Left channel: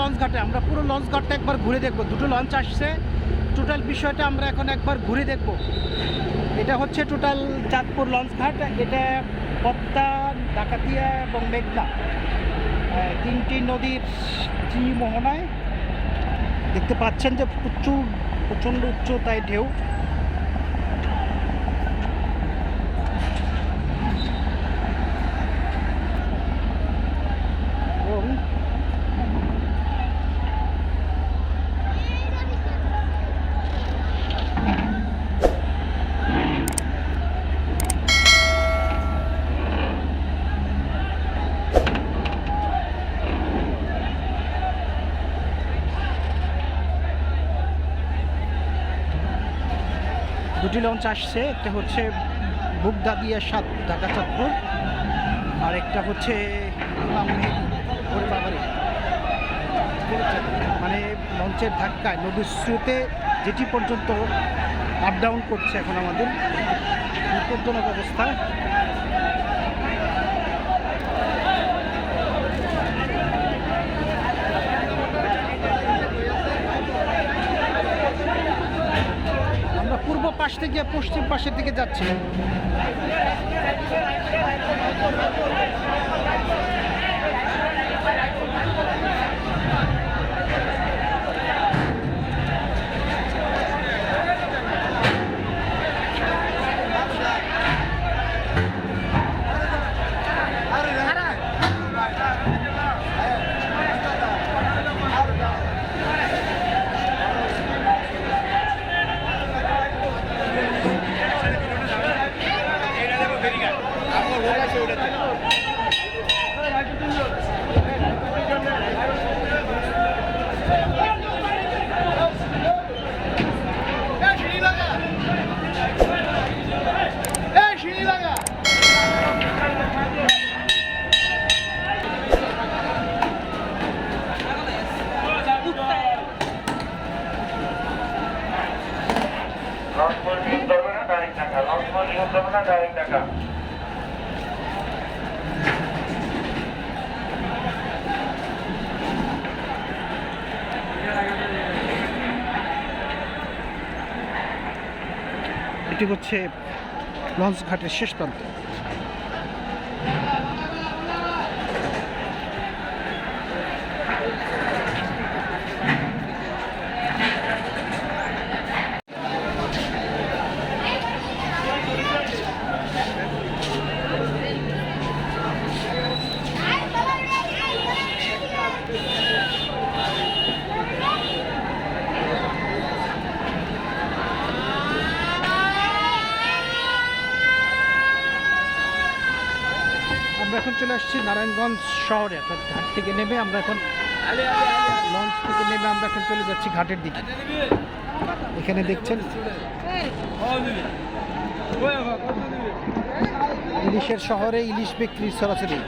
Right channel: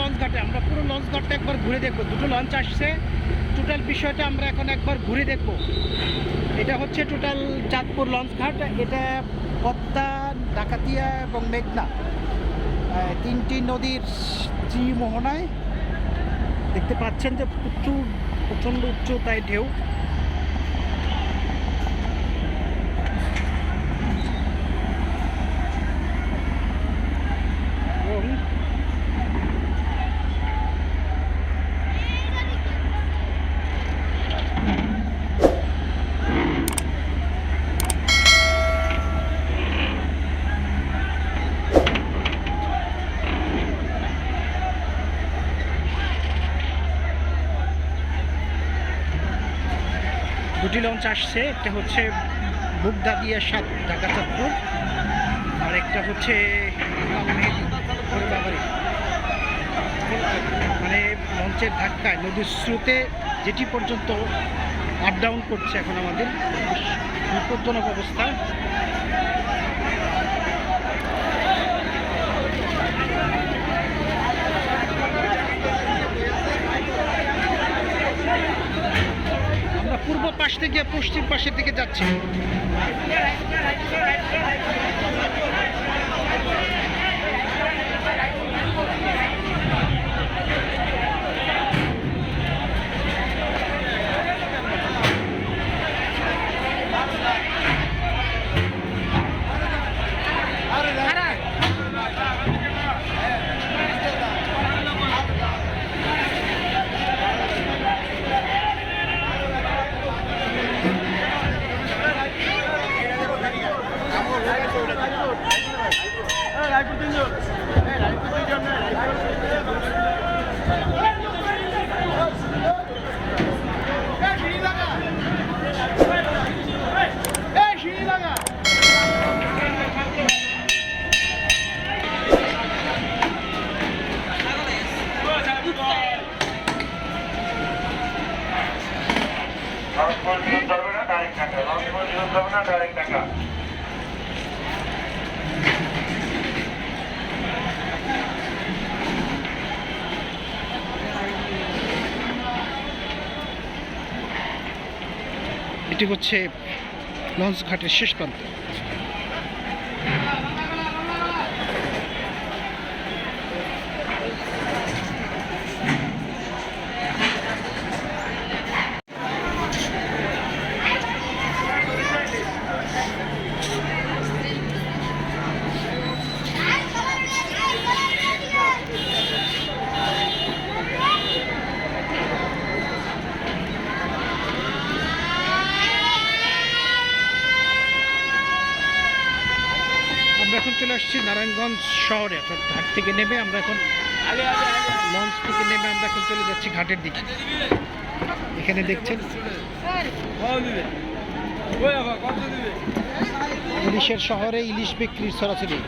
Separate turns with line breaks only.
Launch ঘাটটা একবার ঘুরে দেখব। দুটো লঞ্চ আসছে। টোটাল বিষয়টা আমরা এখন একবার ঘুরে দেখব। এটা হচ্ছে টোটাল চাঁদপুর লঞ্চ ঘাট। এটা পদ্মা, ডাকাতিয়া এবং মেঘনা। তিনটি নদীর মোহনায় দেখতে পাচ্ছেন যে প্রচুর, প্রচণ্ড উচ্চতায় ঢেউ এবং দুটি লঞ্চ আসছে, একটা হচ্ছে বুকদাদিয়া সাত, ঢাকা চাঁদপুর, আর একটা হচ্ছে মানে লঞ্চের ধাক্কায়, নদীর স্রোতে যেটি পর্যন্ত আপ ডাউন করছে এখন আমাদের, বিপজ্জনক অবস্থা আমরা পূর্ব পাশ থেকে পশ্চিম পাশের দিকে যাচ্ছি। এটি হচ্ছে লঞ্চ ঘাটের শেষ প্রান্ত। আমরা এখন চলে আসছি নারায়ণগঞ্জ শহরে, অর্থাৎ ঘাট থেকে নেমে আমরা এখন লঞ্চ থেকে নেমে আমরা এখন চলে যাচ্ছি ঘাটের দিকে। এখানে দেখছেন ইলিশের শহরে ইলিশ বিক্রি সরাসরি।